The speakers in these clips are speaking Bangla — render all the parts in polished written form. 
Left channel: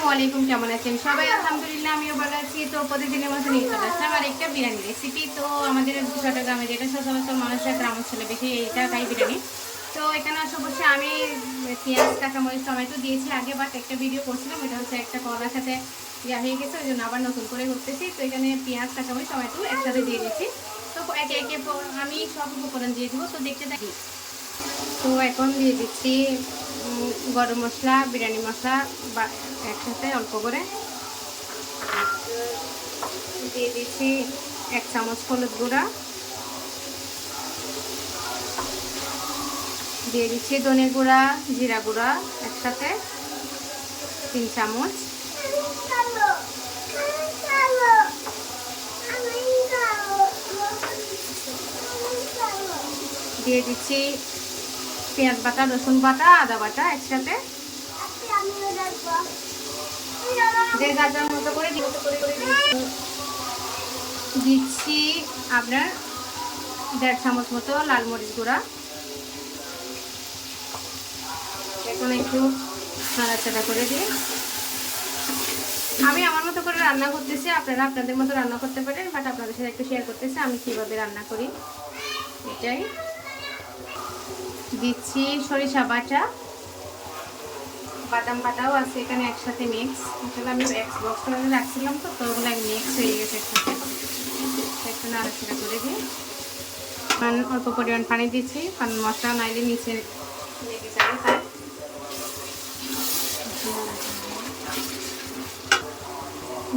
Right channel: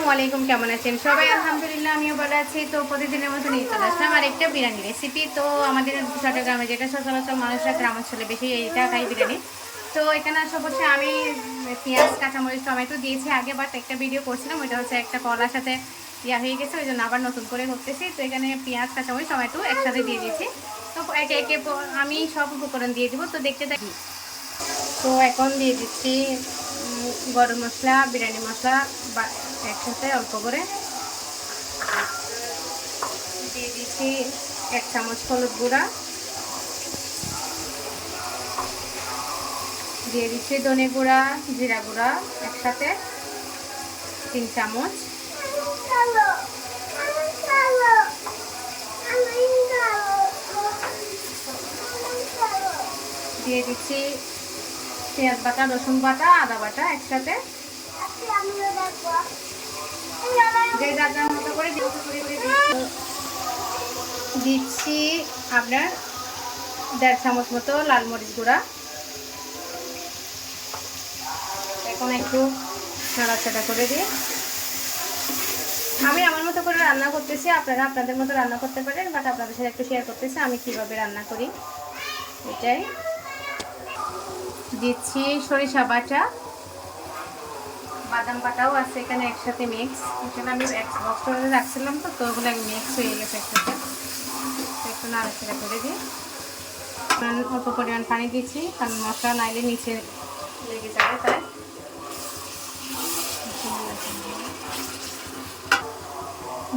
আসসালামু আলাইকুম, কেমন আছেন সবাই? আলহামদুলিল্লাহ আমিও ভালো আছি। তো প্রতিদিনের মতো নিয়ে চলে আসলাম আর একটা বিরিয়ানি রেসিপি। তো আমাদের চট্টগ্রামে যেটা সচরাচর মানুষরা গ্রামাঞ্চলে বেশি এইটা খাই, বিরিয়ানি। তো এখানে আসা অবশ্যই আমি পেঁয়াজ, কাঁচামরিচ, টমেটো দিয়েছি আগে, বাট একটা ভিডিও করছিলাম, ওইটা হচ্ছে একটা কলার সাথে হয়ে গেছে, ওই জন্য আবার নতুন করে করতেছি। তো এখানে পেঁয়াজ, কাঁচামরিচ, টমেটো একসাথে দিয়ে দিয়েছি। তো একে একে আমি সব উপকরণ দিয়ে দিব, তো দেখতে থাকি। তো এখন দিয়ে দিচ্ছি গরম মশলা, বিরিয়ানি মশলা বা একসাথে অল্প করে দিয়ে দিচ্ছি 1 চামচ হলুদ গুঁড়া, দিয়ে দিচ্ছি ধনে গুঁড়া, জিরা গুঁড়া একসাথে 3 চামচ, দিয়ে দিচ্ছি পেঁয়াজ বাটা, রসুন বাটা, আদা বাটা একসাথে, যে যার যার মতো করে দিচ্ছি আপনার 1.5 চামচ মতো লাল মরিচ গুঁড়া। এখন একটু নাড়াচাড়া করে দিই। আমি আমার মতো করে রান্না করতেছি, আপনারা আপনাদের মতো রান্না করতে পারেন, বাট আপনাদের সাথে একটু শেয়ার করতেছি আমি কিভাবে রান্না করি। এটাই দিচ্ছি সরিষা বাটা, বাদাম বাটাও আছে এখানে একসাথে মিক্স। আসলে আমি বক্স করে রাখছিলাম, তো ওগুলো মিক্স হয়ে গেছে একসাথে। একটু নাড়াচাড়া করে দিই। অল্প পরিমাণ পানি দিচ্ছি, কারণ মশলা নাইলে নিচে লেগে যাবে, তাই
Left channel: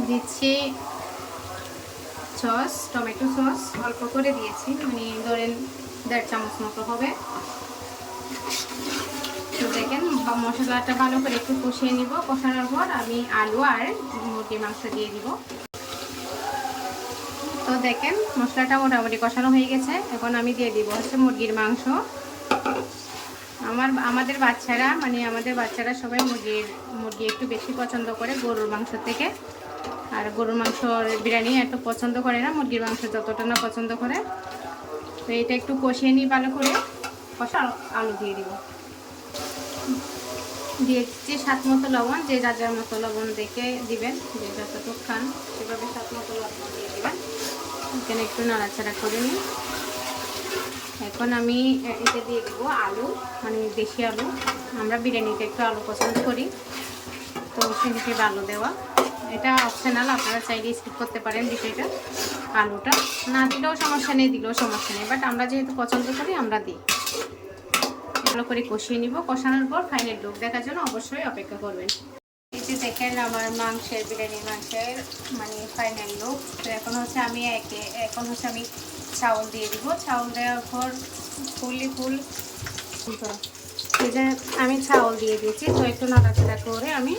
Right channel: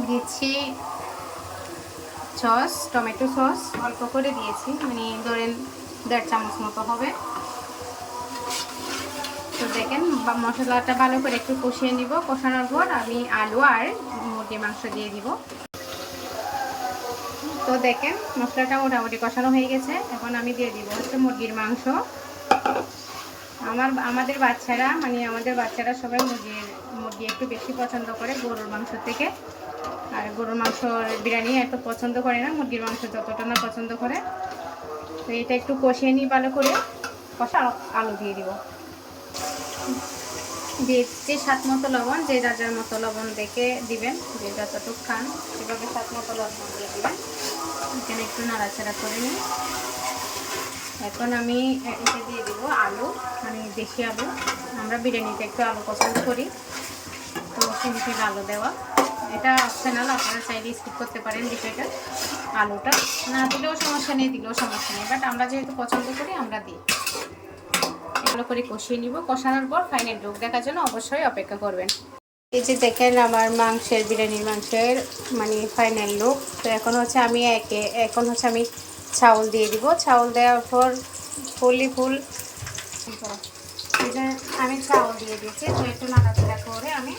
দিচ্ছি সস, টমেটো সস অল্প করে দিয়েছি, মানে ধরেন 1.5 চামচ মতো হবে। তো দেখেন মশলাটা ভালো করে একটু কষিয়ে নিব। কষানোর পর আমি আলু আর মুরগির মাংস দিয়ে দিব। তো দেখেন মশলাটা মোটামুটি কষানো হয়ে গেছে। এখন আমি দিয়ে দিব হচ্ছে মুরগির মাংস। আমাদের বাচ্চারা সবাই মুরগি একটু বেশি পছন্দ করে গরুর মাংস থেকে। আর গরুর মাংসর বিরিয়ানি এত পছন্দ করে না, মুরগির মাংস যতটা না পছন্দ করে। তো এটা একটু কষিয়ে নিই ভালো করে। কষা আলু দিয়ে দিব, দিয়ে দিচ্ছি স্বাদ মতো লবণ, যে যার মতো লবণ দেখে দিবেন, যে যতটুকু খান সেভাবে স্বাদ মতো লবণ দিয়ে দিবেন। এখানে একটু নাড়াচাড়া করে নিই। এখন আমি এতে দিয়ে দিব আলু, মানে দেশি আলু। আমরা বিরিয়ানিতে একটু আলু পছন্দ করি, তো সেক্ষেত্রে আলু দেওয়া। এটা অপশনাল, আপনারা চাইলে স্কিপ করতে পারেন বিষয়টা। আলুটা না দিলেও সমস্যা নেই, দিলেও সমস্যা নেই, বাট আমরা যেহেতু পছন্দ করি আমরা দিই। এগুলো করে কষিয়ে নিব। কষানোর পর ফাইনাল লুক দেখার জন্য অবশ্যই অপেক্ষা করবেন। এই যে দেখেন আমার বিরিয়ানির মাংসের মানে ফাইনাল লুক। তো এখন হচ্ছে আমি চাউল দিয়ে দিব। চাউল দেওয়ার পর এই যে আমি চাউল দিয়ে দিয়েছি। তো একটু নাড়াচাড়া করে আমি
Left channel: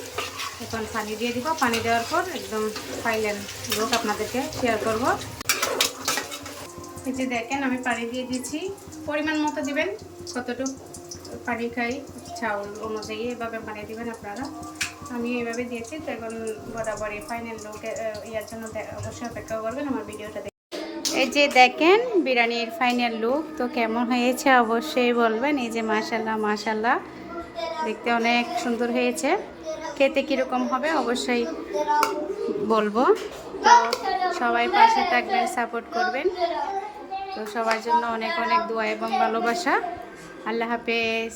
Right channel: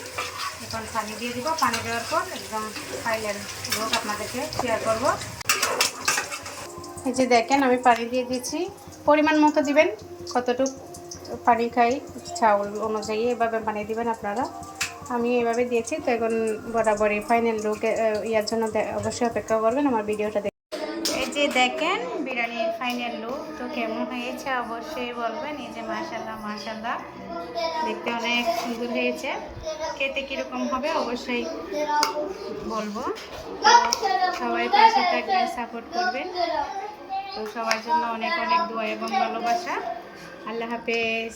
এখন পানি দিয়ে দিব। পানি দেওয়ার পর একদম ফাইনাল লুক আপনাদেরকে শেয়ার করব। এই যে দেখেন আমি পানি দিয়ে দিচ্ছি, পরিমাণ মতো দিবেন, কতটুকু পানি খাই চাউল অনুযায়ী এভাবে বানিয়ে দিবেন আপনারা। আমি এভাবে দিয়েছি। তো এখন বরাবরই ফাইনাল লুক ইয়ার জন্য অবশ্যই অপেক্ষা করবেন আমার ভিডিওটা দেখে। এই যে দেখেন বিরিয়ানির ফাইনাল লুক, তো কেমন হয়েছে অবশ্যই বলবেন। এই যে মাশাল্লাহ দেখতে অনেক সুন্দর হয়েছে। খেতে কীরকম হবে অবশ্যই বলবো। তো সবাই পাশে থাকবেন, সাপোর্ট করবেন। তো সবার জন্য অনেক অনেক দোয়া এবং ভালোবাসা। আল্লাহ হাফেজ।